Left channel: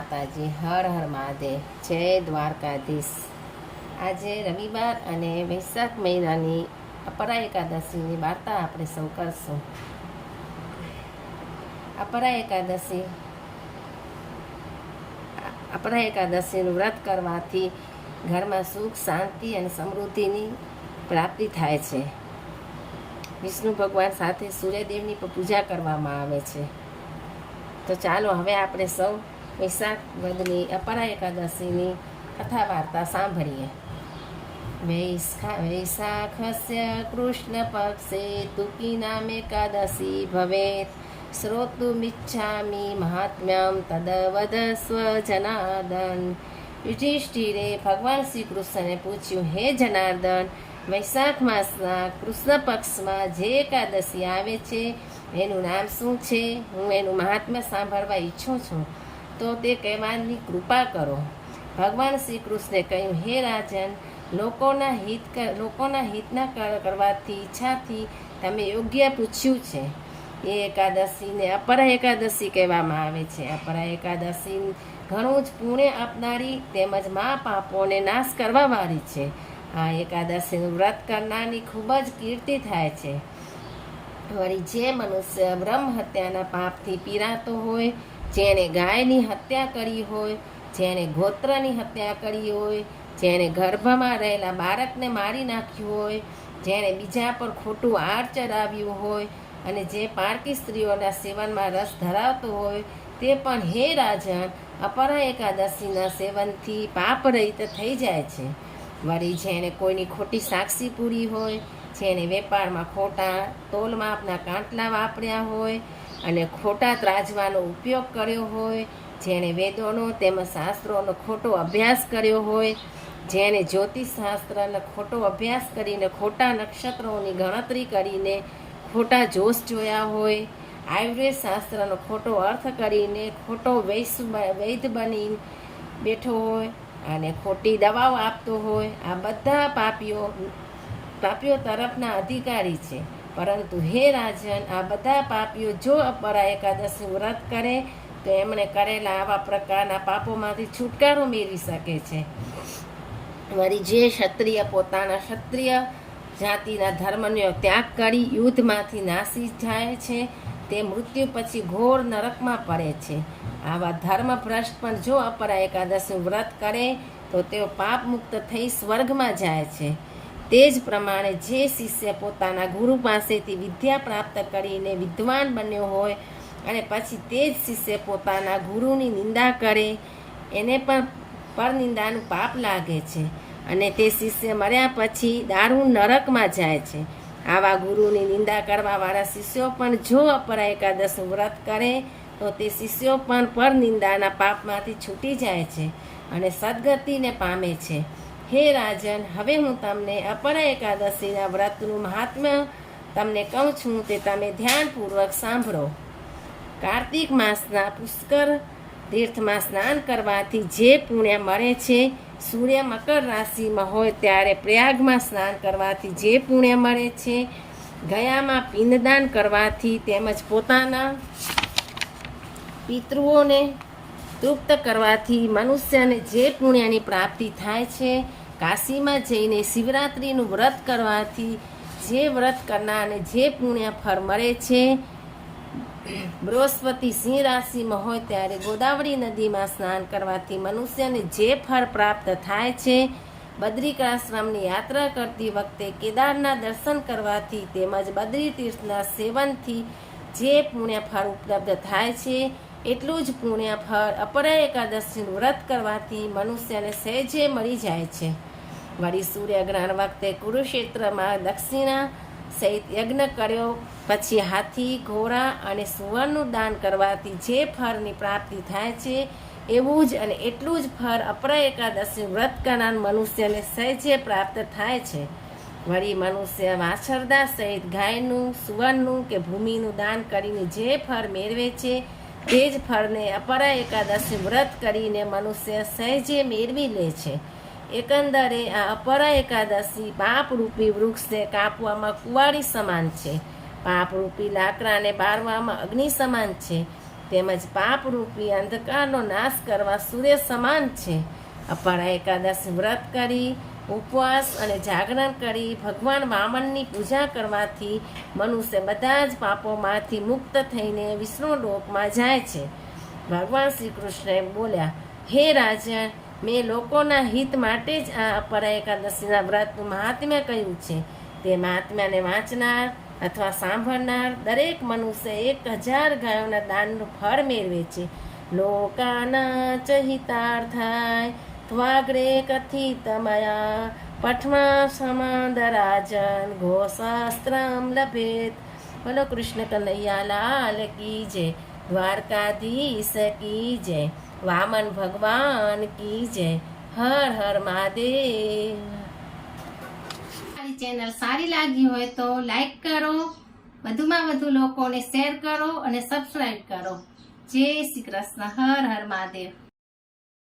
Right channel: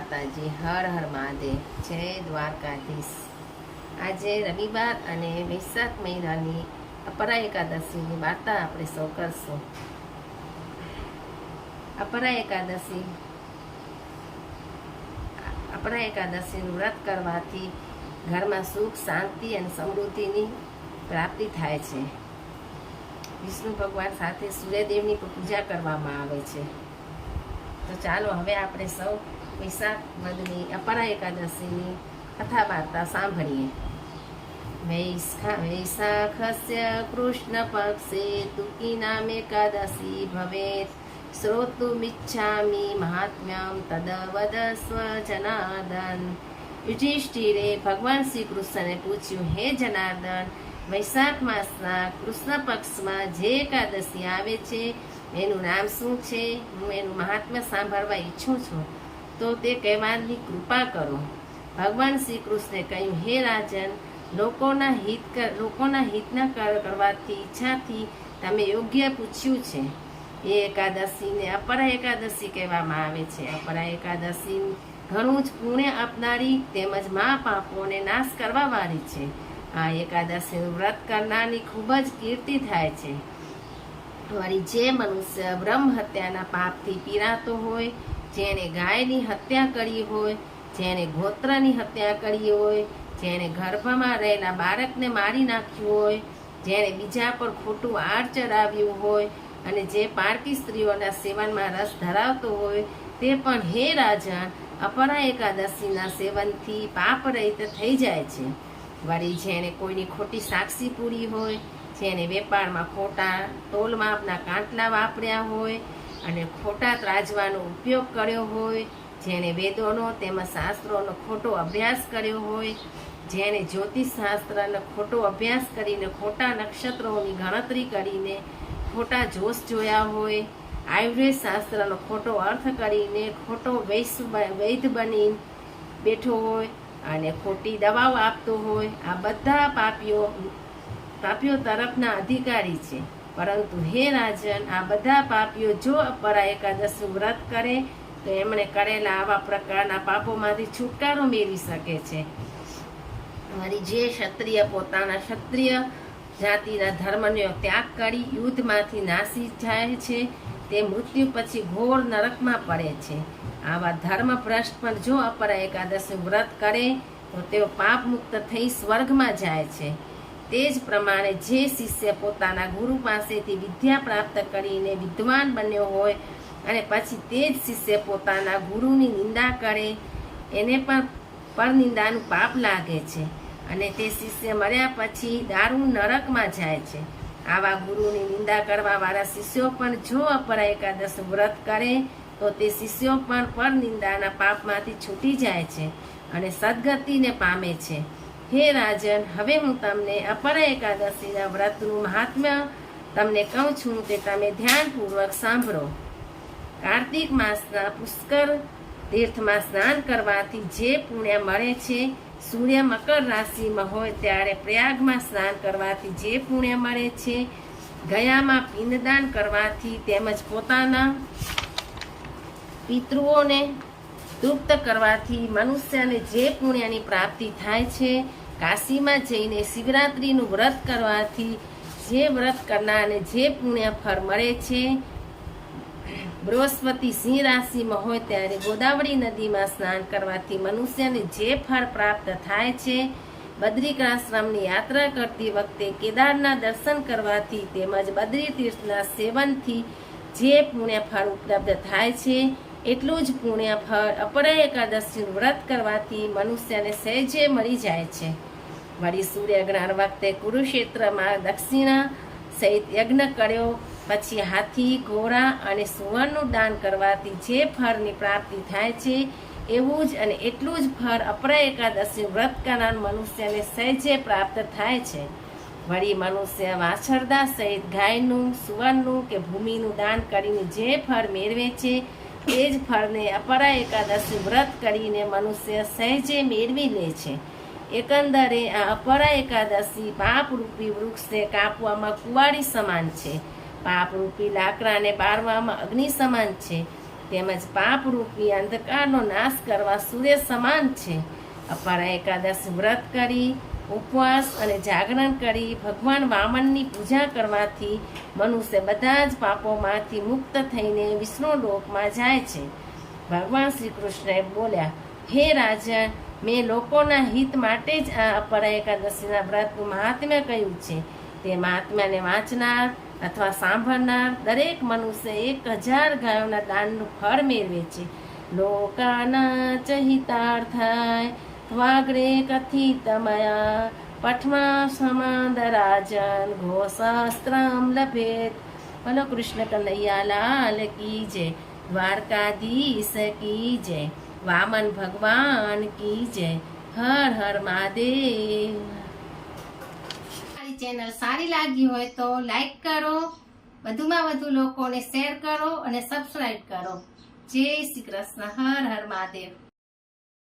માતાજી, હર હર મહાદેવ, જય દ્વારકાધીશ. આજે રવિવાર અને વૈશાખ મહિનાની અપરા એકાદશીની વાર્તા આપણે સૌ કરશું. અપરા એકાદશી અપરા એકાદશીનું વ્રત કરવાથી ઘરમાં સુખ, શાંતિ અને સમૃદ્ધિની પ્રાપ્તિ થાય છે. વિષ્ણુ ભગવાન સાથે સૂર્યદેવની પૂજા કરવામાં આવે છે. તો ચાલો હવે આપણે સૌ વૈશાખ વદની અપરા એકાદશીની કથા વાર્તા સાંભળીએ વૈશાખસ્ય કૃષ્ણ પક્ષે તુકી નામ એકાદશી ભવેત શ્રોતુમિચ્છામિ મહાત્મ્યમ તદવદ વદસ્વ જનાર્દન યુધિષ્ઠિરે ભગવાન શ્રી કૃષ્ણને પૂછ્યું, હે જનાર્દન, વૈશાખ માસના કૃષ્ણ પક્ષમાં જે એકાદશી આવે છે? એનું નામ શું છે? હું એનું મહાત્મ્ય સાંભળવા ઈચ્છું છું. તો તે કહેવાની કૃપા કરો. ભગવાન શ્રી કૃષ્ણે કહ્યું, હે રાજન, લોકોના હિત લોકોના હિતના કરવાથી, ઈચ્છાથી તમે યોગ્ય પૂછ્યું છે. એ એકાદશીને અપરા એકાદશી કહેવામાં આવે છે. અપરા એકાદશી ઘણું જ પુણ્ય આપનારી તેમજ મા પાપોને નાશ કરવા વાળી છે. આ એકાદશીનું વ્રત કરનારની ખૂબ જ કીર્તિ થાય છે. વળી જે મનુષ્ય બ્રહ્મ હત્યાના પાપથી પીરાતો હોય જેણે ગાયની હત્યા કરી હોય, જેણે ગોત્રની હત્યા કરી હોય, જેણે ગર્ભમાં રહેલા બાળકને મારી નાખ્યું હોય, જેણે બીજા પર ખોટું આડ ચડાવ્યું હોય અને જે પારકી સ્ત્રીઓના સેવનમાં રસ ધરાવતો હોય, તે પણ હે રાજન અપરા એકાદશીના સેવનથી પાપ રહિત થઈ જાય છે. વળી જેણે કોઈની ખોટી સાક્ષી પૂરી હોય, જેણે વેપારમાં ખોટા તોલમાં આપના કાંટલા વાપર્યા હોય અને ખોટા ત્રાજવાનો ઉપયોગ કર્યો હોય, જેણે વેદોનો તેમજ શાસ્ત્રોનો ખોટો અભ્યાસ કર્યો હોય, જેણે જ્યોતિષ શાસ્ત્રનો ખોટો અભ્યાસ કરીને ખોટા નક્ષત્રોની ગણતરી કરીને ખોટા જોશ જોયા હોય, આયુર્વેદ શાસ્ત્રનો ખોટો અર્થ કરીને ખોટો વૈશ વૈદ બની બેઠો હોય અને ખોટી દવાઓ આપતો હોય, આ બધા પાપીઓ પાપીઓ તરફના અધિકારી છે. પરંતુ હે રાજન, આ બધા પાપીઓ જો અપરા એકાદશી વ્રત કરે, તો એમણે કરેલા આવા પ્રકારના પાપોમાંથી છુટકારો મેળવી શકે છે. વળી જે ક્ષત્રિય પોતાના ક્ષત્રિય જાતિના ધર્મનો ત્યાગ કરી યુદ્ધમાંથી નાસી જાય છે, તે મૃત્યુ પછી ઘોર નરકમાં પડે છે. આવા ધર્મભ્રષ્ટ પણ જો અપરા એકાદશીનું વ્રત કરે, તો તેઓ પાપ મુક્ત થઈ સ્વર્ગમાં જાય છે. તે જ પ્રમાણે જે શિષ્ય પોતાના ગુરુ પાસેથી વિદ્યા પ્રાપ્ત કરીને વિદ્વાન બન્યો હોય અને પછી તે જ શિષ્ય પોતાના ગુરુની નિંદા કરે, એને પણ પરનિંદાનું પાપ લાગે છે અને તે શિષ્ય મર્યા પછી દારૂ નરકમાં જાય છે. આવા ગુરુની નિંદા કરવાવાળા શિષ્યો પણ જો અપરા એકાદશ વ્રત કરે, તો તે શિષ્યો પણ પરનિંદાના પાપમાંથી છૂટી જાય છે અને સદગતિને પામે છે. હે રાજન, હવે હું તમને અપરા એકાદશીના વ્રતનું મહાત્મ્ય તમને કહું છું તે તમે ધ્યાનપૂર્વક સાંભળો. કાર્તિક માસના પુષ્કર તીર્થમાં સ્નાન કરવાથી જે પુણ્ય મળે છે, સૂર્ય મકર રાશિમાં હોય ત્યારે પ્રયાગમાં સ્નાન કરવાથી જે પુણ્ય મળે છે, ગયામાં પિંડદાન કરવાથી તેમજ પોતાના પિતૃઓને તૃપ્ત કરવાથી મનુષ્યને જે પુણ્યની પ્રાપ્તિ થાય છે, કાશીમાં જઈને શિવરાત્રિનું વ્રત કરવાથી જે વ્રત કરનારને જે પુણ્ય ફળ મળે છે, બૃહસ્પતિ સિંહ રાશિમાં હોય ત્યારે ગોદાવરી નદીમાં સ્નાન કરવાથી મનુષ્યને જે ફળ પ્રાપ્ત થાય છે, બદ્રિકાશ્રમની યાત્રા કરતી વખતે કેદારના દર્શન કરવાથી તેમજ બદ્રી તીર્થના સેવનથી જે પુણ્ય ફળ ઉપલબ્ધ થાય છે એટલું જ પુણ્ય ફળ અપરા એકાદશીનું વ્રત કરવાથી મનુષ્યને સહેજે મળી જાય છે. વળી સૂર્યગ્રહણ વખતે કુરુક્ષેત્રમાં દક્ષિણા સહિત યજ્ઞ કર્યો, પછી હાથી, ઘોડા અને સુવર્ણનું દાન કરવાથી જે ફળની પ્રાપ્તિ થાય છે, એવું જ અને એટલું જ ફળ અપરા એકાદશી વ્રત કરનાર મનુષ્યને સહેજે પ્રાપ્ત થાય છે. વળી મનુષ્ય વાછરદા સહિત ગાયનું, સુવર્ણનું કે ભૂમિનું દાન કરીને જે ફળ મેળવે છે તે જ ફળને અપરા એકાદશી વ્રત કરીને મનુષ્ય સહેજે મેળવી લે છે. એકંદરે આ અપરા એકાદશી પાપરૂપી વૃક્ષને કાપવામાં કુવાડી સમાન છે. પાપરૂપી લાકડાને બારવામાં અગ્નિ સમાન છે. તેમજ પાપરૂપી અંધકારનો નાશ કરવા સૂર્ય સમાન છે. અપરા એકાદશ વ્રત કરી ઉપવાસ અને જાગરણ કરી ભગવાન વામનની પૂજા કરવાથી મનુષ્ય બધા જ પાપોમાંથી મુક્ત થઈને વિષ્ણુ લોકમાં જાય છે. ભગવાન શ્રી કૃષ્ણએ બોલ્યા, હે રાજા મેં લોકોના હિત માટે જ આ અપરા એકાદશીના વ્રતનું મહાત્મ્ય કહ્યું છે. તે મહાત્માને વાંચનાર અથવા સાંભળનાર દરેક મનુષ્ય એક હજાર ગાયોના દાનનું ફળ મેળવે છે. લોકાના ચ ત્વાગ્રે કથિતમયા પઠમા સમાદરાજન ઘોષાસ્ત્રમ લભેત બોલો કૃષ્ણ કનૈયા લાલ કી જય દ્વારકાધીશ કી જય વામન ભગવાન કી જય હર હર મહાદેવ મારી ચેનલ સારી લાગી હોય તો લાઈક કરો, વધુમાં વધુ લોકોને શેર કરો અને સબસ્ક્રાઈબ કરો. જય શ્રી કૃષ્ણ, હર હર મહાદેવ.